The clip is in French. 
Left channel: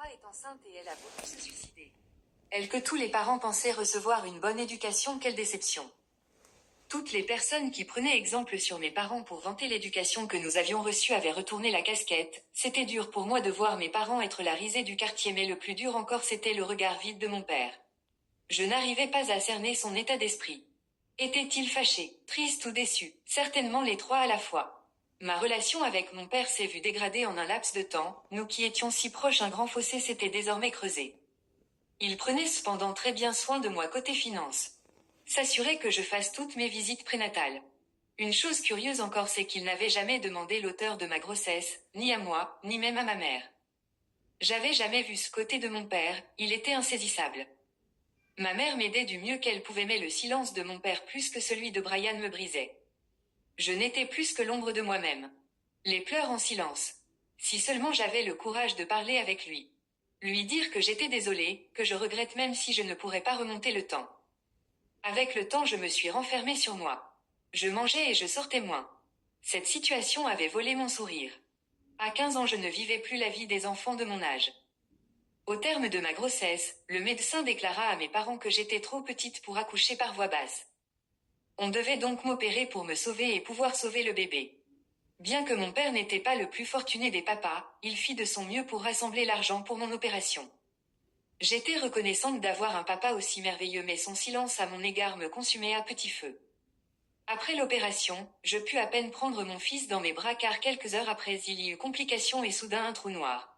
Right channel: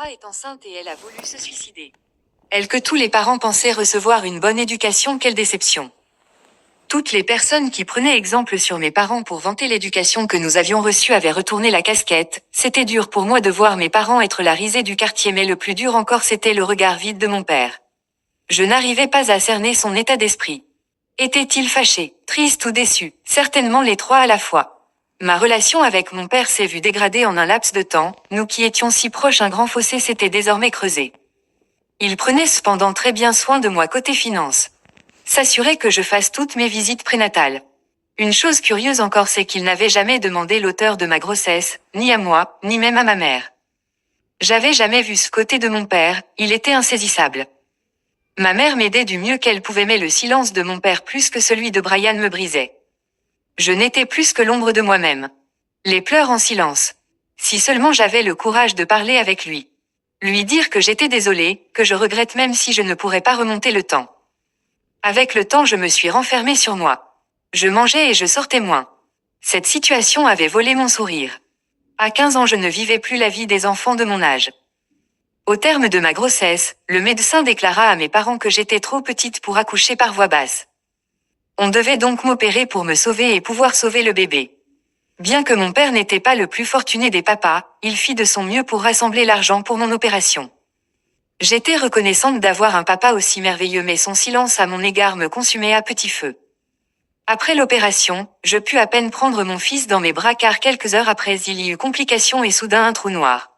Laura est enceinte et elle a voulu se suicider. Elle que tous les parents pensaient recevoir une bonne éducation, quelle déception. Toutes les personnes qui prenaient exemple sur mes parents pour vanter l'éducation que nous avions reçue avaient retourné la casquette. C'était dur pour moi de voir mes parents être la risée du quartier, mais le plus dur encore c'était le regard vide de mon père. Je n'arrivais pas à cerner son état d'esprit. Était-il fâché, triste ou déçu? Certainement les trois à la fois. Ma relation avec mon père s'est vue dégradée en un laps de temps, nous qui étions si proches, un grand fossé s'était désormais creusé. Il prenait cependant très bien soin de moi côté finance. S'assurer que je fasse toutes mes visites prénatales. Une chose curieuse encore, c'est qu'il n'avait jamais demandé l'auteur de ma grossesse, ni à moi, ni même à ma mère. J'avais jamais vu ce côté de mon père, il était insaisissable. Ma mère m'aidait du mieux qu'elle pouvait, mais le silence de mon père plus que celui de Brian me brisait. Je n'étais plus que l'ombre de moi-même. Les pleurs en silence. Si seulement j'avais le courage de parler avec lui. Lui dire que j'étais désolée, que je regrette même si je ne pourrais pas remonter le temps. Avec le temps, je me suis renfermée sur moi. Je mangeais et je sortais moins. Cette situation avait volé mon sourire. À 15 ans, je ne vivais plus la vie des enfants de mon âge. Au terme de ma grossesse, le médecin déclara à mes parents que j'étais trop petite pour accoucher par voie basse. On devait donc m'opérer pour me sauver et pouvoir sauver le bébé. Bien que mon père n'était pas le plus fortuné des papas, il fit de son mieux pour rassembler l'argent pour mon opération. J'étais reconnaissante d'avoir un papa aussi merveilleux, mais son silence à mon égard me consumait à petit feu. Après l'opération, je pus à peine prendre mon fils dans mes bras car quelques heures après il y eut complication et soudain un trou noir.